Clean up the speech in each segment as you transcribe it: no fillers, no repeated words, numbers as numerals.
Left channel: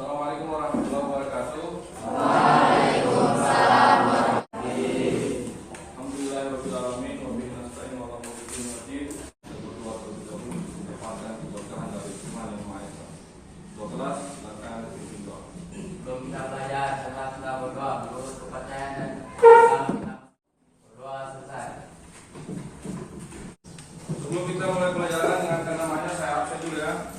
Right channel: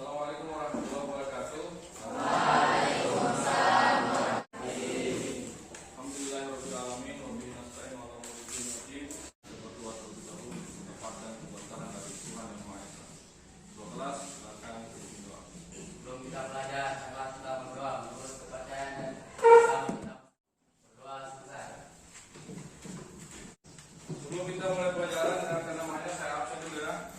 Assalamualaikum warahmatullahi wabarakatuh. Waalaikumsalam. Alhamdulillahirabbil alamin wa bihi nasta'in wa ala umuri wajib. Berdoa terlebih dahulu mendapatkan keberkahan dari Tuhan Yang Maha Esa. Doa kelas silakan dipimpin doa. Sebelum kita belajar, kita berdoa menurut kepercayaan dan Islam kita. Berdoa selesai. Sebelum kita mulai pelajaran dengan namanya saya absen dulu ya.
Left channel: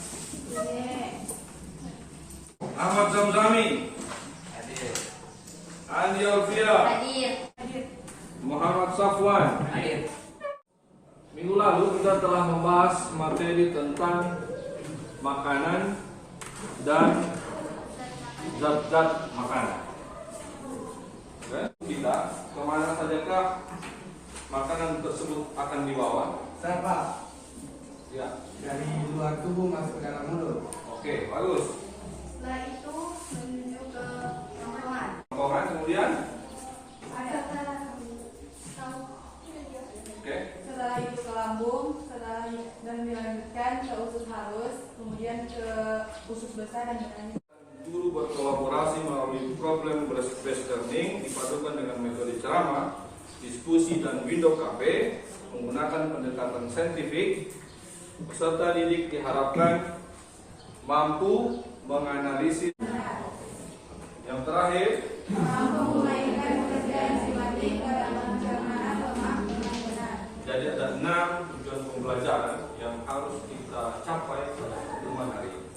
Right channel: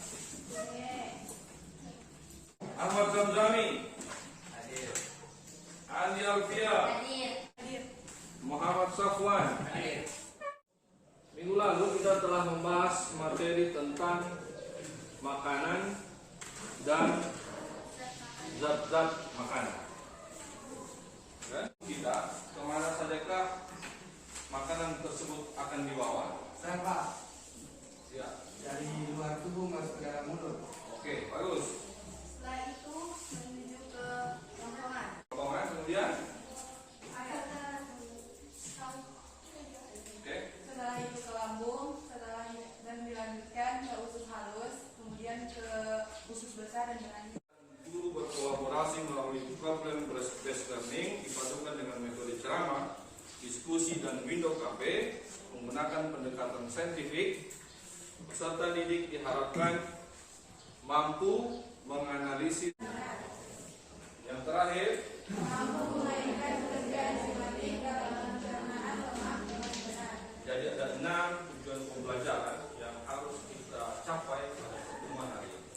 Ahmad Zamzami, Hadir. Andi Alfia, Hadir. Muhammad Safwan. Hadir. Minggu lalu kita telah membahas materi tentang makanan dan zat-zat makanan. Oke, kita kemana sajakah makanan tersebut akan dibawa? Saya Pak, Ya, dari luar tubuh masuk ke dalam mulut. oke, bagus. Setelah itu menuju ke rongrongan. Rongrongan, kemudian, Ada oke, setelah itu ke lambung, dan dilanjutkan ke usus halus, kemudian ke usus besar dan berlanjut. guru berkolaborasi melalui problem based learning dipadukan dengan metode ceramah, diskusi dan window cafe menggunakan pendekatan saintifik. Peserta didik diharapkan mampu menganalisis. Yang terakhir, Mampu memainkan pekerjaan sistematik dalam pencernaan lemak dengan benar. jadi ada 6 tujuan pembelajaran yang harus kita capai pada pertemuan hari ini.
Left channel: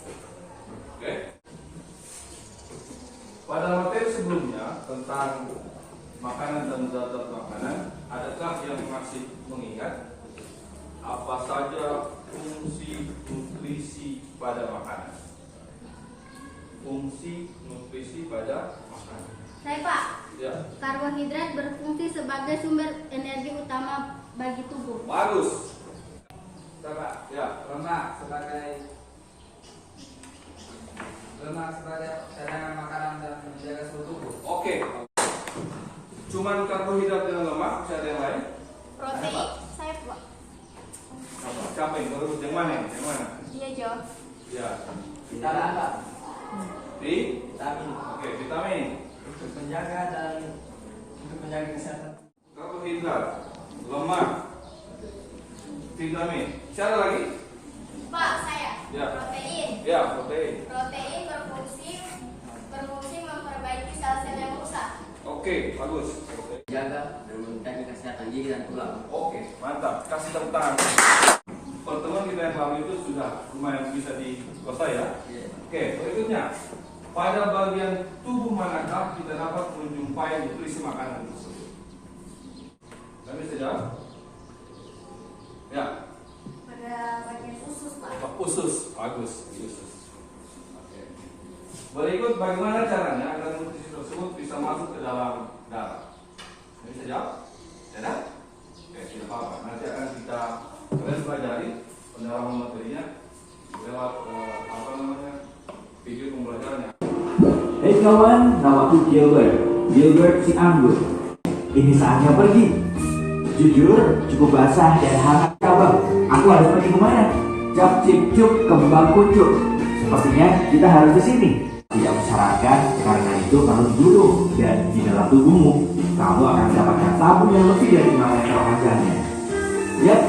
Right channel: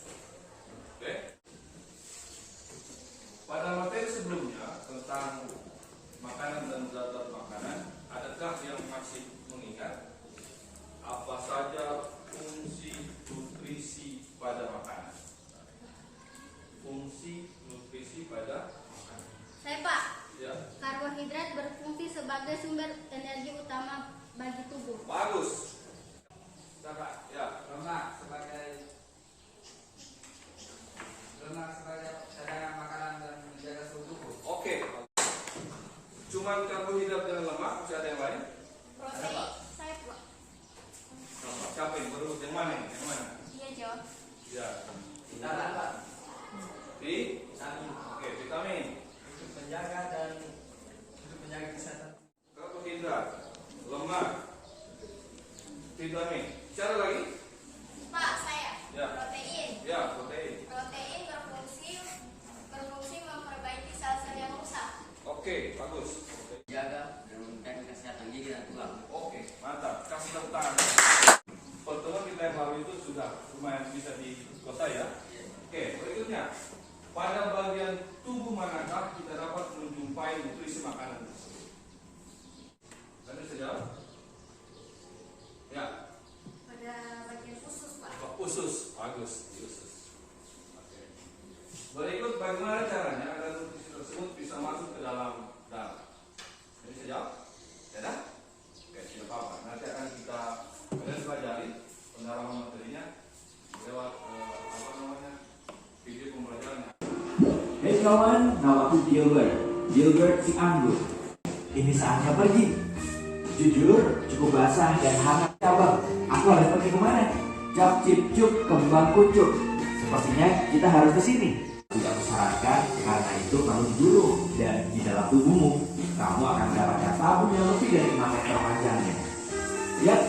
Oke. Pada materi sebelumnya tentang makanan dan zat-zat makanan, adakah yang masih mengingat apa saja fungsi nutrisi pada makanan? Fungsi nutrisi pada makanan. Saya Pak, Ya, karbohidrat berfungsi sebagai sumber energi utama bagi tubuh. bagus. Bapak, Ya, lemak sebagai cadangan makanan dan menjaga suhu tubuh. oke. Cuman karbohidrat dan lemak, masih ada yang lain? Protein, saya Pak. Siapa yang terus? Yang mana? Yang mana? Iya jawab. Ya, Vitamin Pak. Vitamin oke, vitamin, untuk menjaga kesehatan. karbohidrat, lemak, vitamin. Siapa lagi? Pak, saya. Ya. Protein. Ya, protein. Protein berfungsi memperbaiki sel-sel yang rusak. Oke, bagus. Jaga dan meningkatkan kesehatan gigi dan tulang. Oke, mantap. Kasih tepuk tangan. Pertemuan kita yang lalu itu sudah lumayan bisa dikuasai ya. Iya. Oke, berikutnya. Pada bagian tubuh manakah kita dapat menjumpai nutrisi makanan tersebut? Kami bisa jawab? Ya, Pada bagian usus, Pak. usus. Bagus, usus. Oke. Berikut bagaimana caranya agar nutrisi tersebut bisa masuk ke dalam darah? Kami bisa jawab? Tidak? Oke, tidak apa-apa. Nanti akan kalian pelajari pendalaman materinya lewat video pembelajarannya. Hei kawan, namaku Gilbert si anggur. Ini saatnya pergi. Jujur, cukup basah dan hangat kabar. Aku harus pergi kemana? Cap cip cup kembang kucuk. Sepertinya kita harus ke sini. Tidak mensyaratkan karena itu perlu dulu. Dan di dalam tubuhmu, kamu akan mendapatkan tabung yang lebih dari 5 meter panjangnya. Lihat.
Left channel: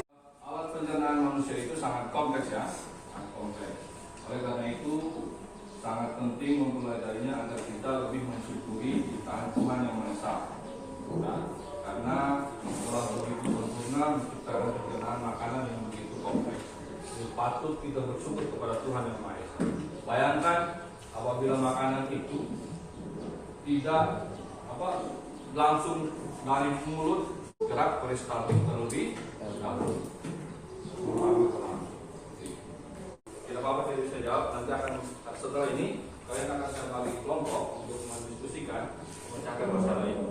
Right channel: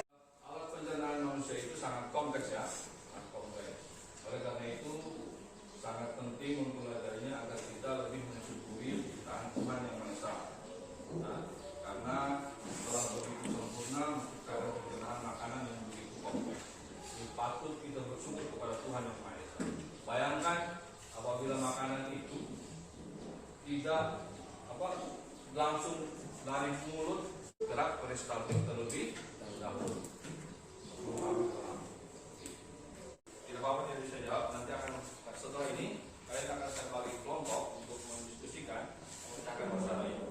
Alat pencernaan manusia itu sangat kompleks ya, sangat kompleks. Oleh karena itu sangat penting mempelajarinya agar kita lebih mensyukuri ciptaan Tuhan yang Maha Esa. Nah, karena telah begitu sempurna menciptakan pencernaan makanan yang begitu kompleks. Jadi patut kita bersyukur kepada Tuhan yang Maha Esa. Bayangkan apabila makanan itu tidak langsung dari mulut gerak peristaltik terlebih dahulu. Tidak apa-apa, tidak bisa jawab. Nanti akan setelah ini kalian akan saya bagi kelompok untuk mendiskusikan memecahkan masalah ini.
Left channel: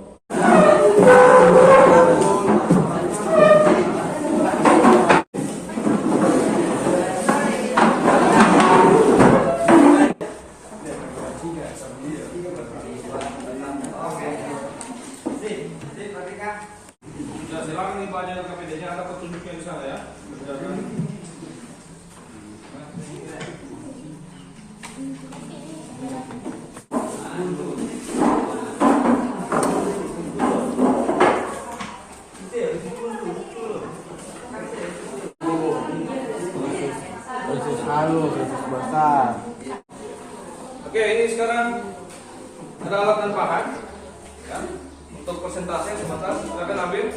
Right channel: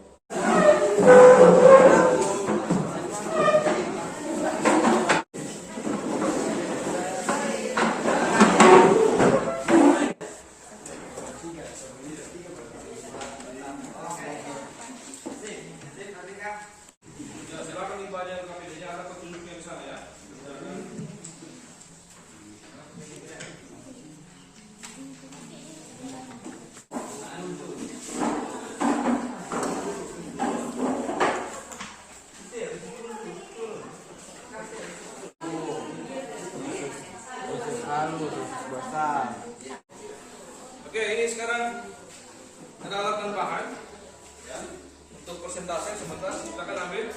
Ya, silakan nih pelajaran KPD-nya, ada petunjuknya di sana ya. Mudah-mudahan. Oke, ini sekarang ada alat dan bahan. Ya. Untuk persentase sebentar, silakan ambil.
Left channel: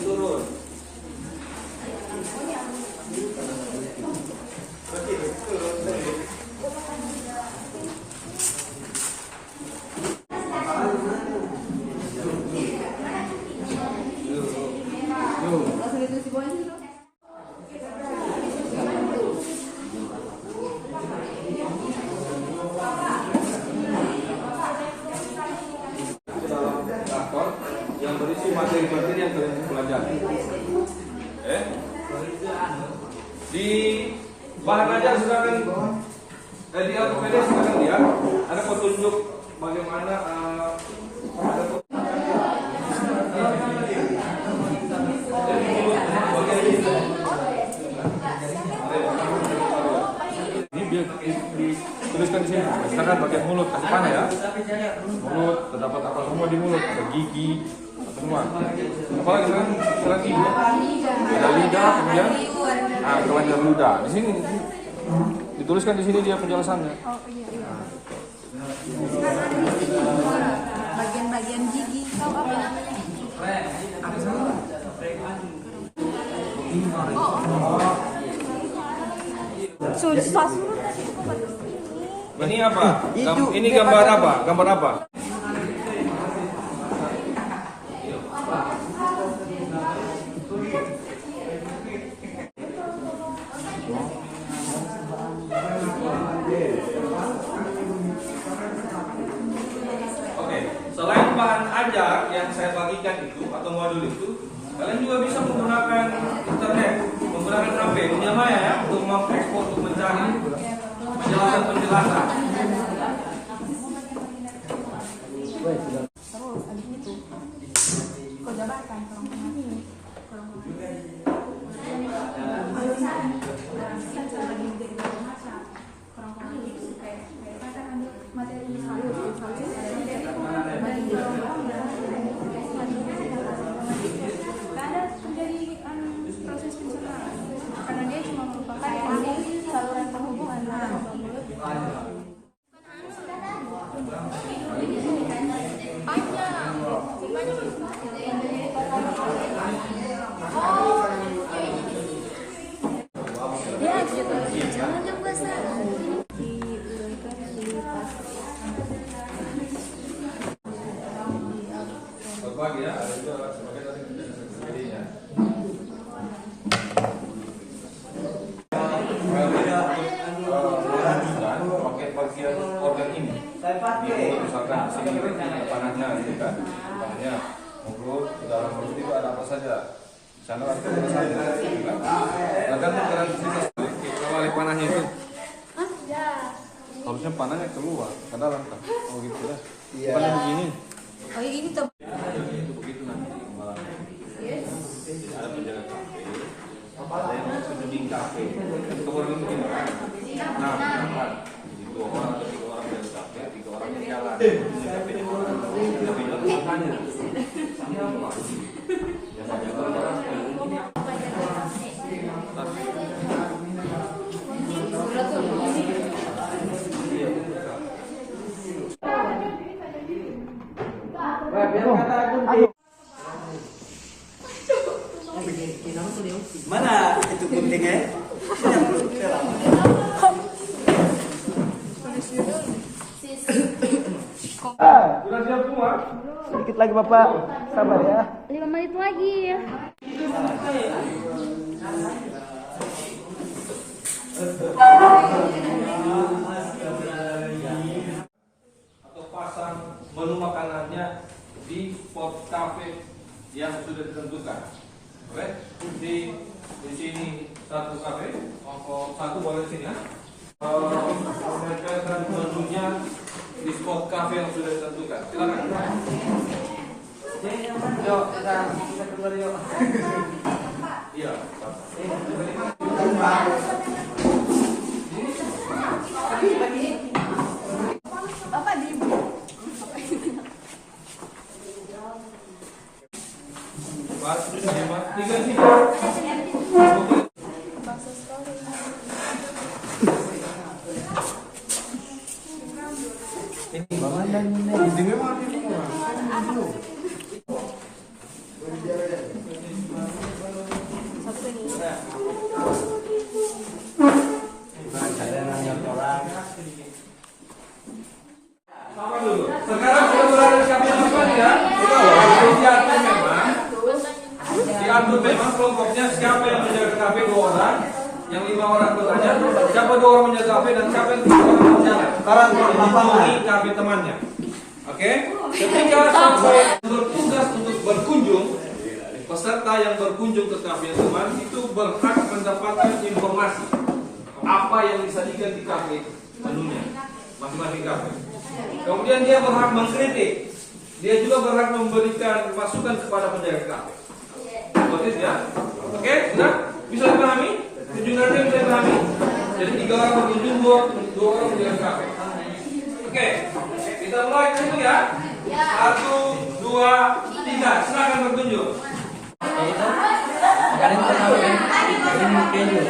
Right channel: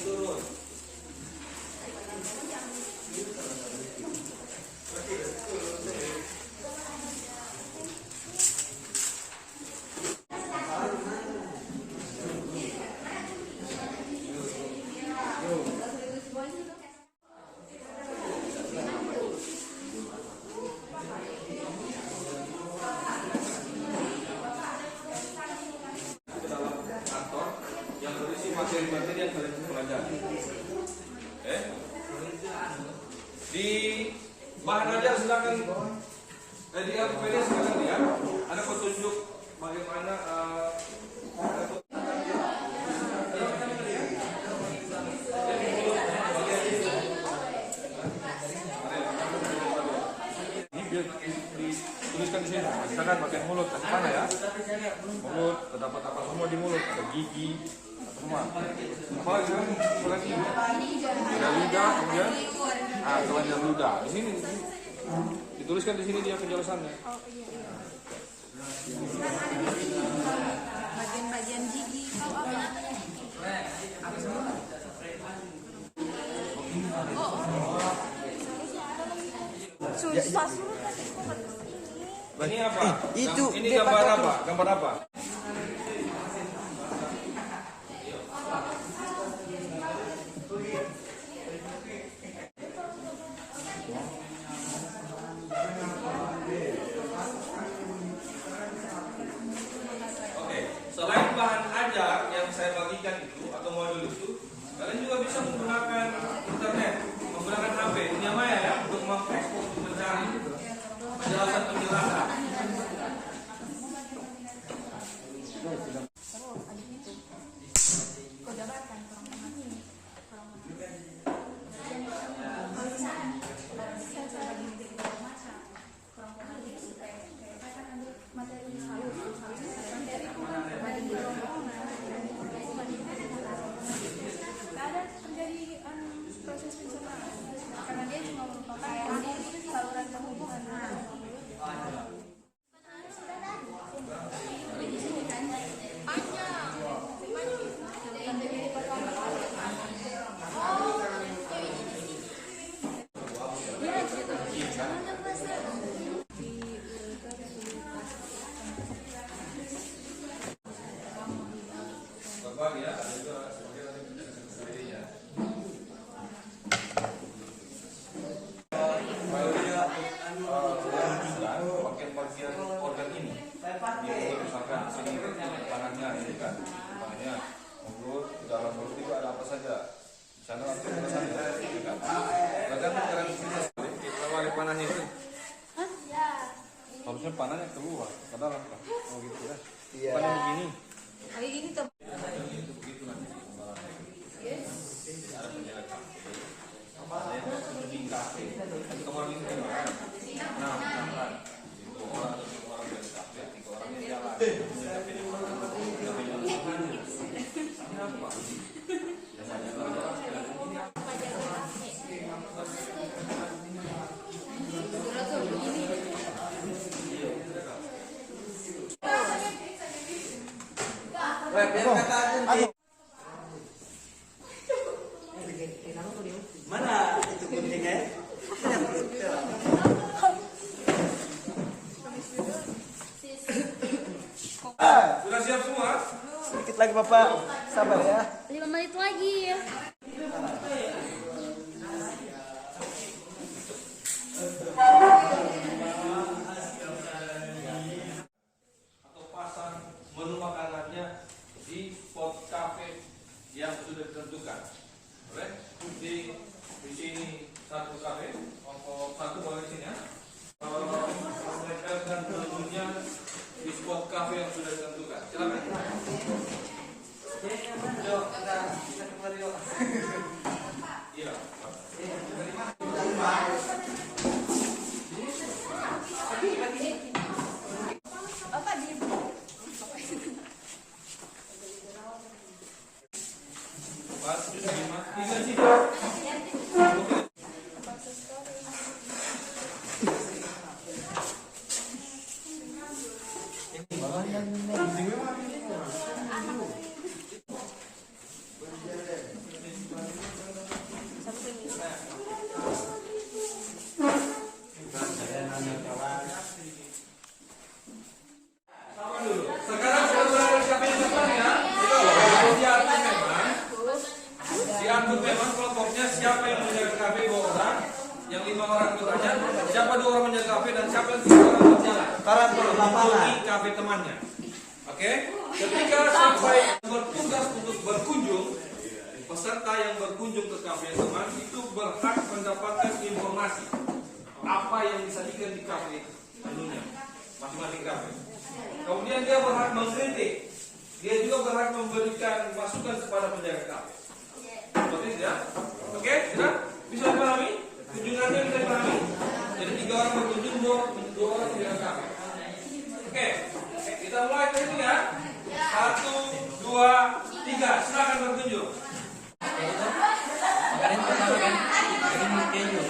Turun. Yang berisi materi-materi yang kalian pelajari. Di bahan ajar silakan di APD silakan lihat ada petunjuk bagaimana ini biar dituliskan di sini. Misalkan bagian mulut kasih panah ya. Mulut terdapat apa semua di mulut, ada gigi, apa semua. Apa lagi sekarang gigi? Ada lidah, kemudian kelenjar ludah. Di sini dituliskan di sini dia penjelasannya. Oh iya. Kan ada di sini bagian-bagian gigi. Tahu apa? Apa semua? Susah suruh tadi kok bagus. Ini apa? Ini gambar apa? Gambar apa? Oke, selain bahan ajar yang saya bagikan itu atau modul itu, kalian juga bisa menggunakan internet, menggunakan HP, dunia maya ya, untuk mengekspor, untuk mencari penjelasan. Terus abis itu kau jabarkan kurang ini. Materi halus ada terjadi proses pencernaan karena dia cuma merupakan saluran penghubung antara mulut ya gitu. Jangan coba salah. Berbagi ya, ada juga sebagai tadi sendirinya. Dan bagian organ ini, dia misalkan di sini panahnya, ini kan, panahnya mulut, di dalam mulut itu ada apa saja. Di sana ada tulisannya, ya kan? Bahkan ukuran kita kalau oleh panahnya itu, harusnya panahnya keluar ke dalam kan? Oh gitu ya. Panah begini. Oh ini tuh. Itu begitu nanti pembalannya. Ada penjaga kafe, ada yang penjuding kafe. Kan orang ini gimana? Nah, kan dua orang atau tiga orang dari kafe, tiga orang di jalan. Kafenya orang, kafenya apanya? Mana itu guntingnya? Sudah siap semua? Sedikit lagi Bapak, sabar ya. 5 menit lagi ya. Atau pasang menu makanannya di spot cafe yang sudah ditentukan. Oke? Di sini satu kafe, satu boleh sini ya. Menempelkan menunya di spot cafe yang sudah ditentukan. Silakan. Yuk, kita keluar yuk. Iya. Apa di Mas, 5, 3 sini. siapa yang menjaga kafe 2 orang, yang 5 orang bertanya, siapa 2 orang menjaga kafe dan siapa yang 3 orang berjalan. Sekarang mengunjungi kafe temannya. Oke? Ketika sampai bertugas untuk berkunjung, peserta yang berkunjung ke kafe teman itu berhak mendapatkan informasi apa yang disajikan di kafe menunya masing-masing kafe. Kemudian dia berhak mengkritik. Dia juga berhak memberikan masukan kepada penjaga kafe. Seperti itu ya. Oke, sudah? Bisa dipahami? Kunjungannya bisa dipahami? Jadi 3 orang berkunjung, 2 orang menjaga kafe. Oke, kita mulai dulu ya. 1, 2, 3. Silakan berkunjung. Garing pertama kan, garing keju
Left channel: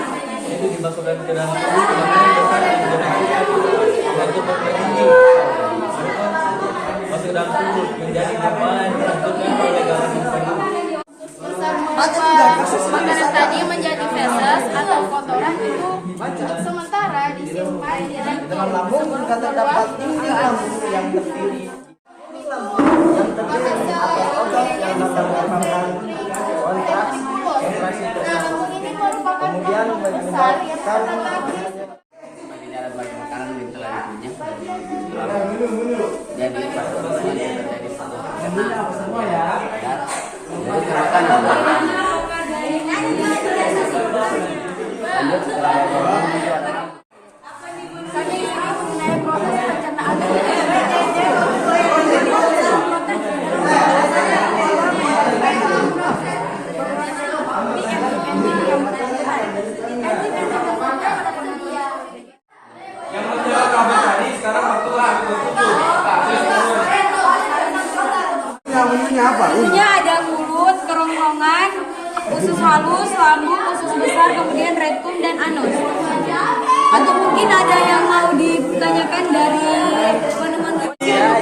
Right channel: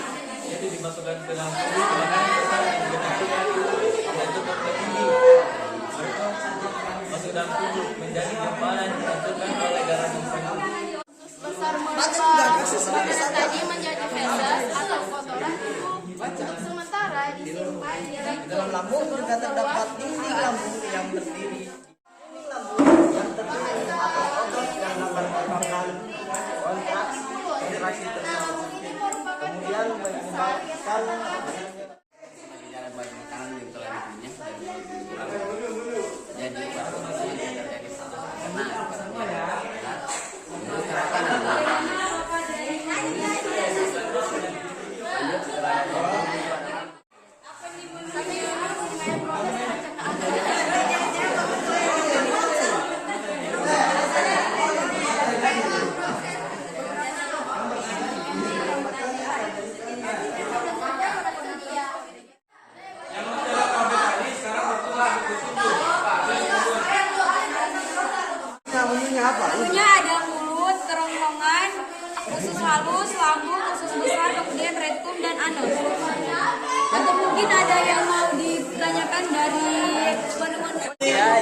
itu dimasukkan ke dalam tubuh, makanya bersalah dan itu bertinggi. Masuk ke dalam tubuh menjadi kepala yang dihancurkan oleh garam keju. Makanan tadi menjadi feses atau kotoran itu sementara disimpan di dalam lambung juga terdapat inti lambung yang terdiri atas otot yang dapat menyebabkan kontraksi tersebut. Kemudian menyebabkan Ini ada beberapa makanan yang telah dikunyah jadi pada masanya terjadi satu jadi makanan lanjut setelah itu adalah Kami ini mengenai proses pencernaan. Yang menjaga kafe tadi sekarang bertugas Ususnya ada mulut, kerongkongan, usus halus, lambung, usus besar, kemudian rektum dan anus. Atau mungkin ada yang mau ditanyakan dari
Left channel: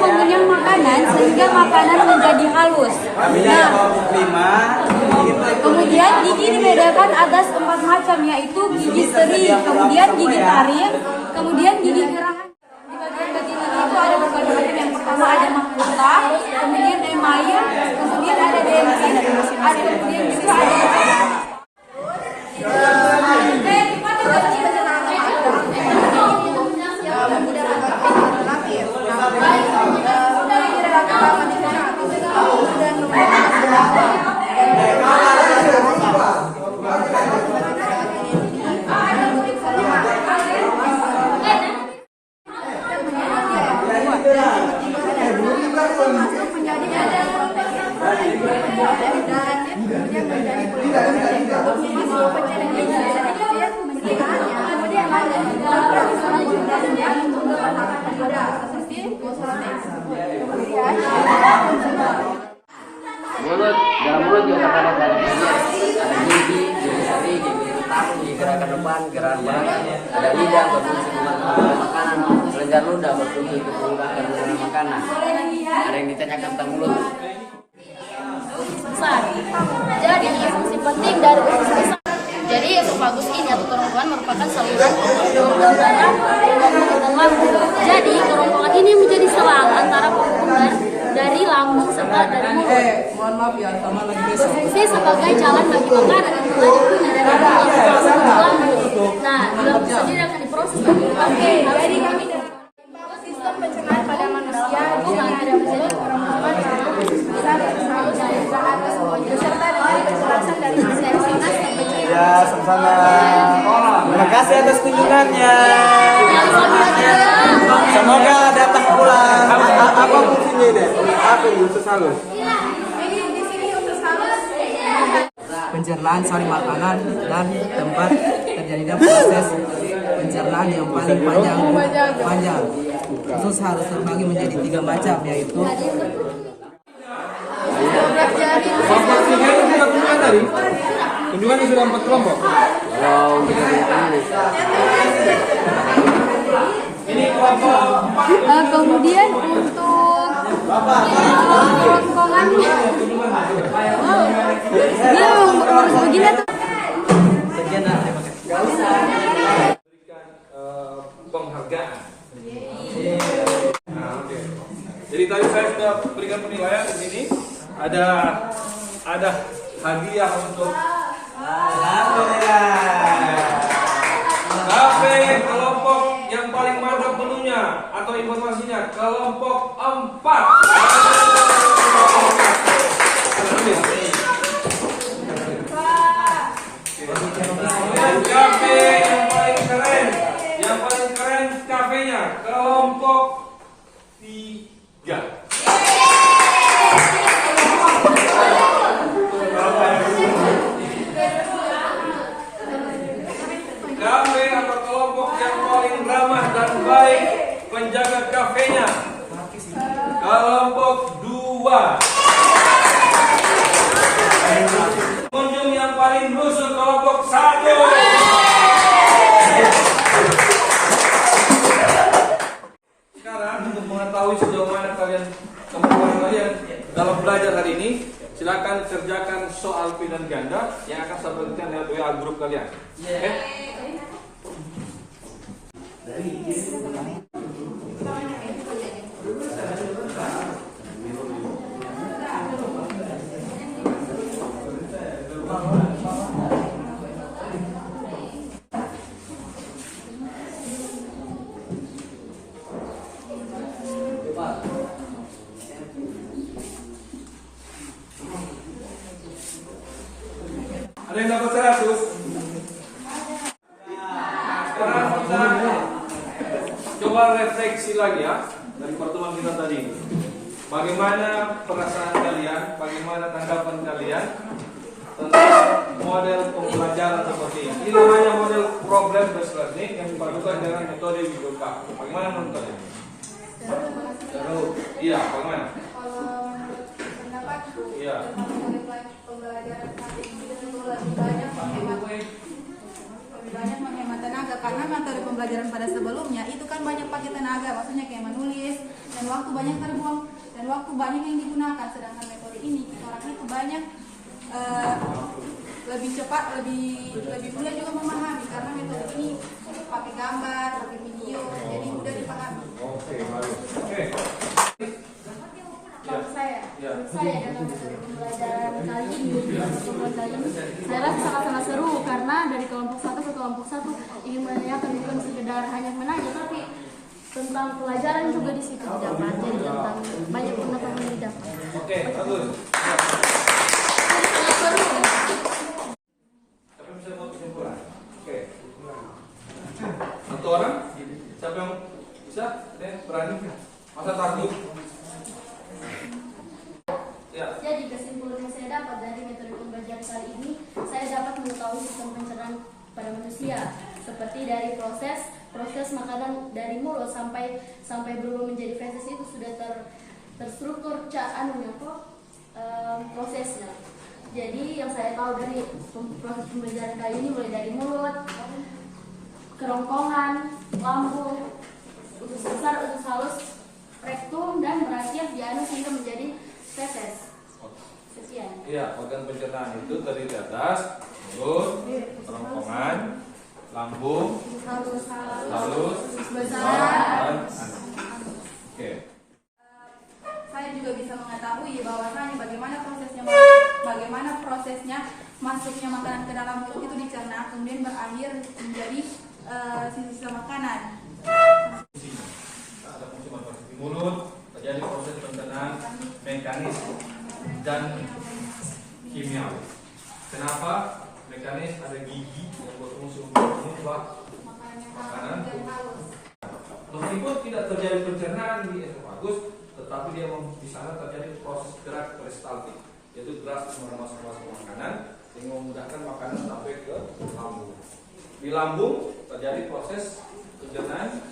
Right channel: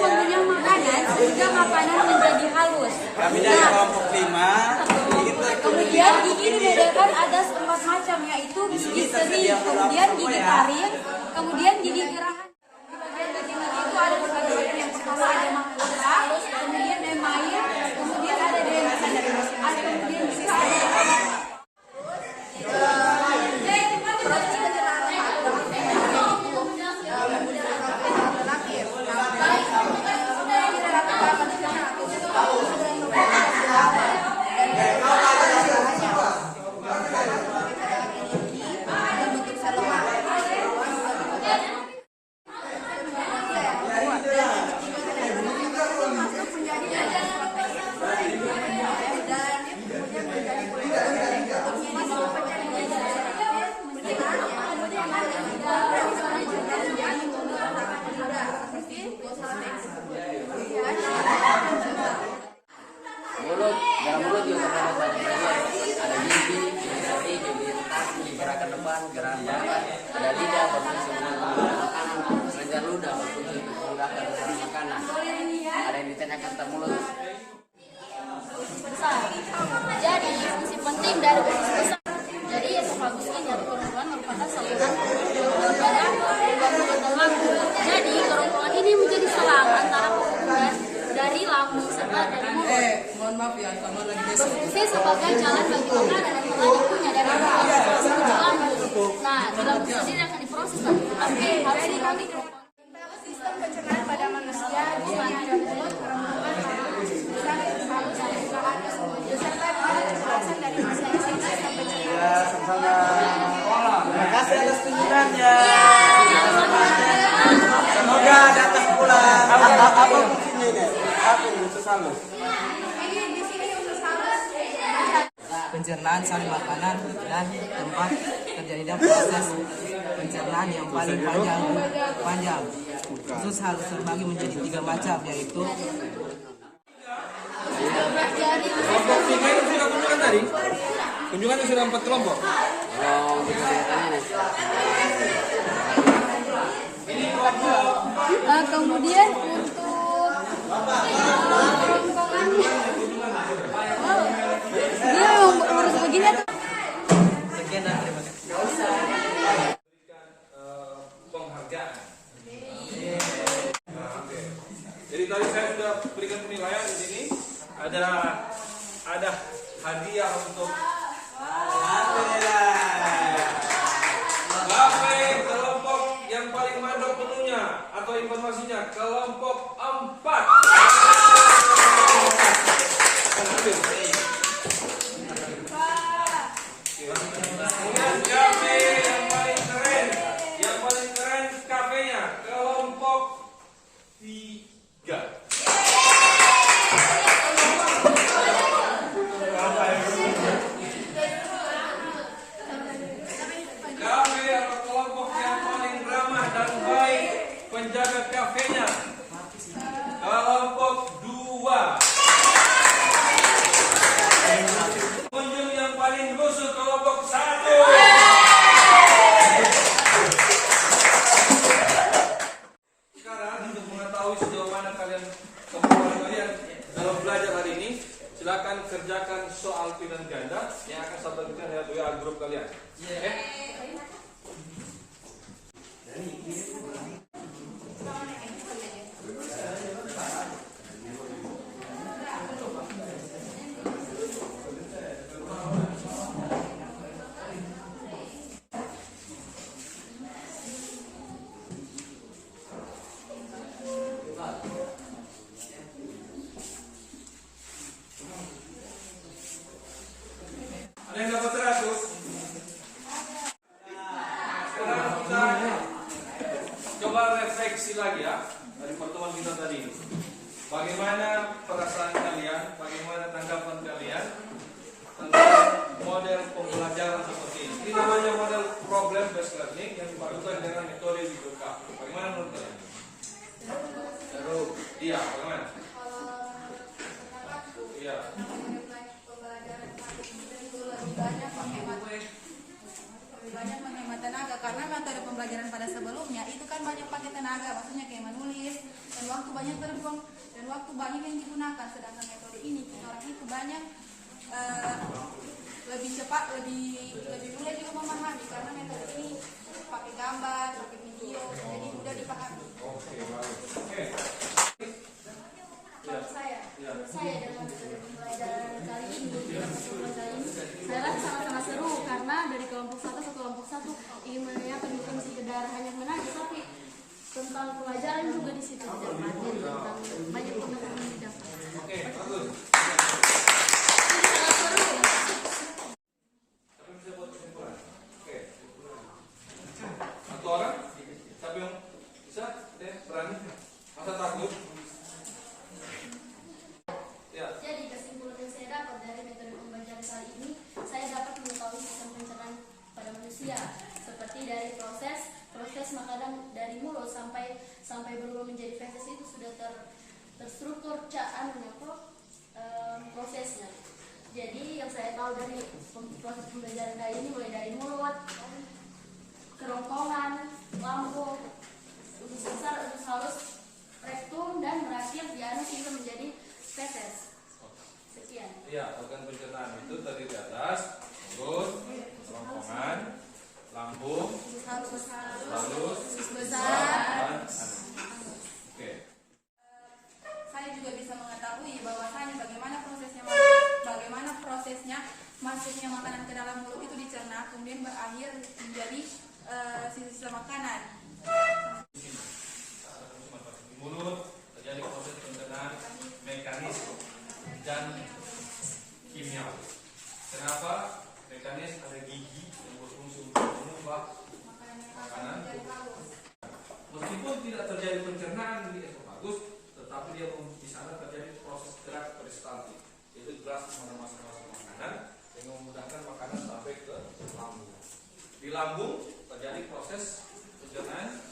pengunyah makanan sehingga makanan menjadi halus. Nah, kemudian gigi dibedakan atas 4 macam, yaitu gigi seri, kemudian gigi taring, kemudian gigi gerahan. Di bagian gigi itu ada beberapa yang pertama ada makula, kemudian demain, kemudian ada demain, ada kemudian gigi seri. mulut, dalam mulut juga terdapat banyak bagian. Ada gigi, gigi seri, gigi hitam, gigi gerakan depan, gerakan belakang. Ada lidah berfungsi untuk makanan, kelenjar ludah berfungsi untuk memudahkan pengurangan makanan. Ada yang ditanyakan tentang mulut. Usus besar. Jadi fungsi penting dari usus besar. Jadi esofagus ini atau kerongkongan merupakan saluran pembuluh darah dan lambung. Jadi kerongkongan ini menjadi selang antara penghubungan dari lambung serta dari mulut. mohon maaf ya, sama lagi besok. Berfungsi sebagai jalan bagi makanan yang telah dikunyah dari lambung. Nah, di lambung sendiri akan diproses lagi. Oke, jadi kami sistem pencernaan pada manusia dengan ada mulut, kerongkongan, lambung, usus besar, usus halus, dan juga anus, beserta dengan penjelasan dari masing-masing sistem pencernaan. Ya, sama-sama. Terima kasih atas kunjungannya. Semoga datang pulang. Apa fungsinya ini? Apa ini usus halus? Ini di sini usus halus. Pencernaan sari makanan dan tempat terjadinya proses pencernaan yang paling panjang. Usus harus terbagi menjadi 3 macam, yaitu kelompok 3 itu sudah kunjungan tadi. Kunjungannya sudah 4 kelompok. Kalau untuk kegiatannya nih, Ini kelompok 4. Kemudian untuk kerongkongan dia ngurus begini tuh. Penghargaan. Nah, oke. Jadi tadi saya sudah berikan penilaian di sini. Ada hadiah untuk KP kelompok yang paling mantap menunya atau informasinya kelompok 4. KP yang paling keren KP-nya kelompok 3. KP atau kelompok yang paling ramah dan baik penjaga kafenya kelompok 2. Pengunjung yang paling rusuh kelompok 1. Sekarang untuk mengetahui sejauh mana kemampuan kalian dalam belajar hari ini, silakan kerjakan soal pilihan ganda yang akan saya berikan lewat WA grup kalian. Oke? Ada yang dapat 100? Sekarang kita coba refleksi lagi ya dari pertemuan kita tadi. Bagaimana perasaan kalian, bagaimana tanggapan kalian tentang model pembelajaran seperti ini? Ini namanya model problem based learning yang dipadukan dengan metode Widoka. Bagaimana menurut kalian? Iya, bagaimana? Iya. Lebih banyak menghemat tenaga karena metode pembelajaran pada sebelumnya itu kan banyak pakai tenaga, maksudnya kayak menulis dan waktu banyak terbuang dan waktu banyak yang digunakan. Sedangkan metode ini orang itu banyak lebih cepat, lebih mudah juga memahami karena metode ini pakai gambar, pakai video, jadi mudah dipahami. Oke, baik. Oke. Kalau saya dalam metode pembelajaran kali ini, saya rasa sangat-sangat seru karena dari kelompok 1 ke kelompok 1 ingin menanyakan bukan sekedar hanya menanya, tapi tentang pelajaran juga di situ didapat, jadi tentang banyak pengetahuan yang didapat. Oke, bagus. Siapa bisa buat kesimpulan? Oke. Satu orang? Siapa yang bisa? Berani? Masa takut? Ya. Jadi kesimpulan yang saya dapat dari metode pembelajaran kali ini, saya dapat mengetahui sistem pencernaan pada manusia, seperti dari proses makanan dari mulut sampai berubah menjadi feses itu sudah terstruktur prosesnya. Jadi yang saya tahu dari proses pembelajaran kali ini mulai dari mulut, kerongkongan, lambung, usus besar, usus halus, rektum dan berakhir di anus hingga menjadi feses. Sekian. Iya, organ pencernaan itu terdiri atas mulut, kerongkongan, lambung, halus, besar, dan anus. Oke. Saya juga bisa mengetahui bahwasanya bagaimana prosesnya masuknya makanan ke dalam mulut itu dicerna kemudian berakhir menjadi sisa makanan. Ada fungsi manfaat di mulut, terjadi proses pencernaan mekanis dan kimiawi. Kenapa? Mekanis ada gigi yang berfungsi untuk mengubah makanan. Meskipun tidak terjadi pencernaan di esofagus, tetapi dia di sana terjadi proses gerak peristaltik, yaitu gerak masuk makanan yang memudahkan makanan sampai ke lambung. Di lambung terjadi proses pencernaan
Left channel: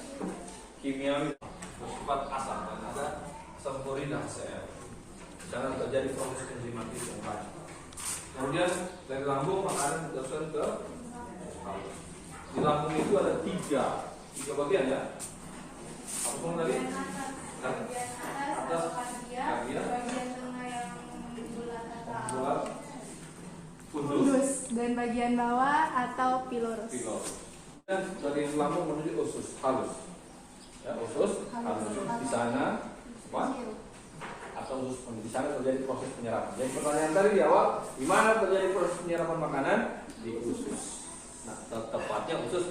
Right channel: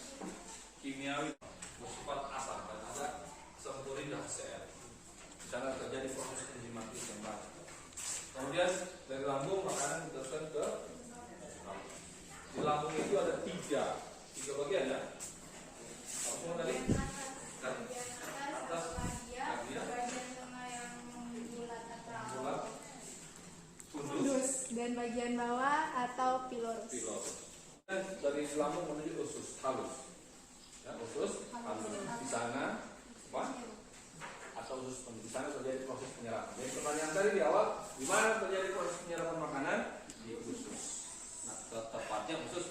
kimiawi bersifat asam dan ada sulfurida HCl. Di sana terjadi proses enzimatis yang banyak. Kemudian dari lambung makanan diteruskan ke lambung. Di lambung itu ada tiga bagian ya. Apa semua tadi? Atas, bagian bulat, fundus, dan bagian bawah atau pilorus. Dan dari lambung menuju usus halus. Ya, usus halus. Di sana apa? Atau di sana terjadi proses penyerapan. Jadi pertanyaan tadi di awal, di mana terjadi proses penyerapan makanan? Di di usus. Nah, tepatnya usus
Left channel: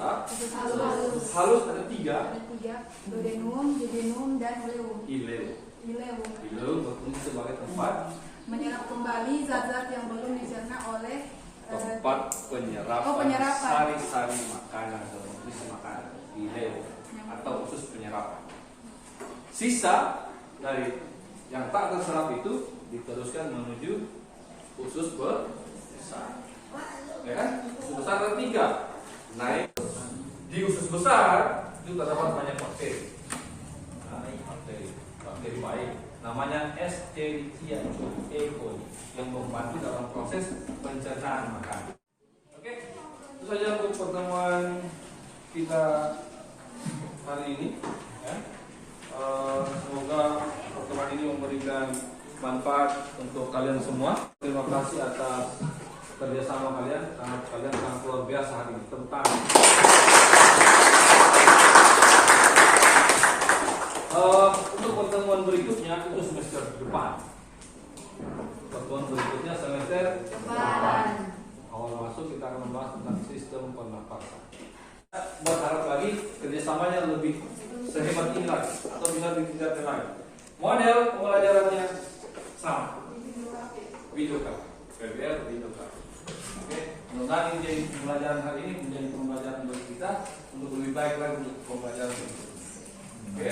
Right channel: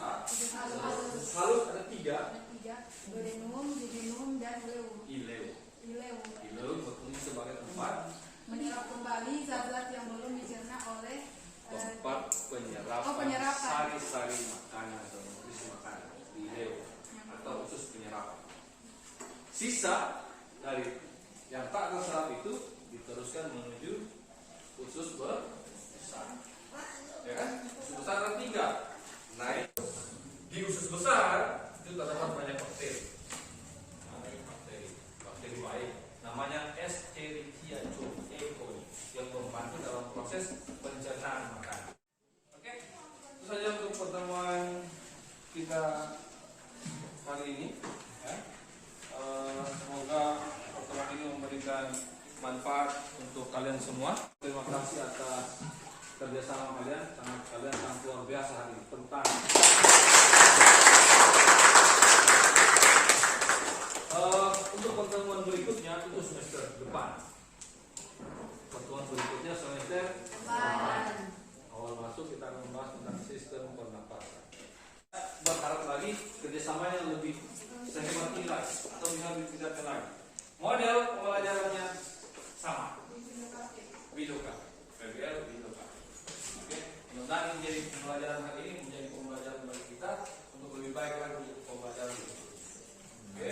halus ada 3. Ada 3, duodenum, jejunum, dan Ileum. ileum. Ileum berfungsi sebagai tempat Menyerap kembali zat-zat yang belum dicerna oleh penyerapan sari-sari makanan atau nutrisi makanan, ileum atau usus penyerapan. Sisa dari yang tak terserap itu diteruskan menuju usus besar. Ya kan? Usus besar ada 3. Naik di usus besar itu terdapat banyak bakteri. Bakteri baik. Namanya Escherichia coli yang membantu dalam proses pencernaan makanan. Oke, itu saja untuk pertemuan kita hari ini. Ya. Semoga pertemuan ini memberikan manfaat untuk kalian semua. Terima kasih atas kerjasama kalian sangat luar biasa hari ini tentang untuk pertemuan berikutnya itu semester depan. Pertemuan berikutnya semester depan. Awal masuk kita akan membahas tentang sistem pernapasan. Berharap lagi kerjasamanya lebih sehebat ini lagi atau bisa ditingkatkan lagi. Model pembelajarannya sama. Widoka, PBL Widoka. Oke, mudah-mudahan menjadi pembelajaran hari ini menjadi pembelajaran bagi kita untuk lebih baik lagi untuk pembelajaran berikutnya. Oke.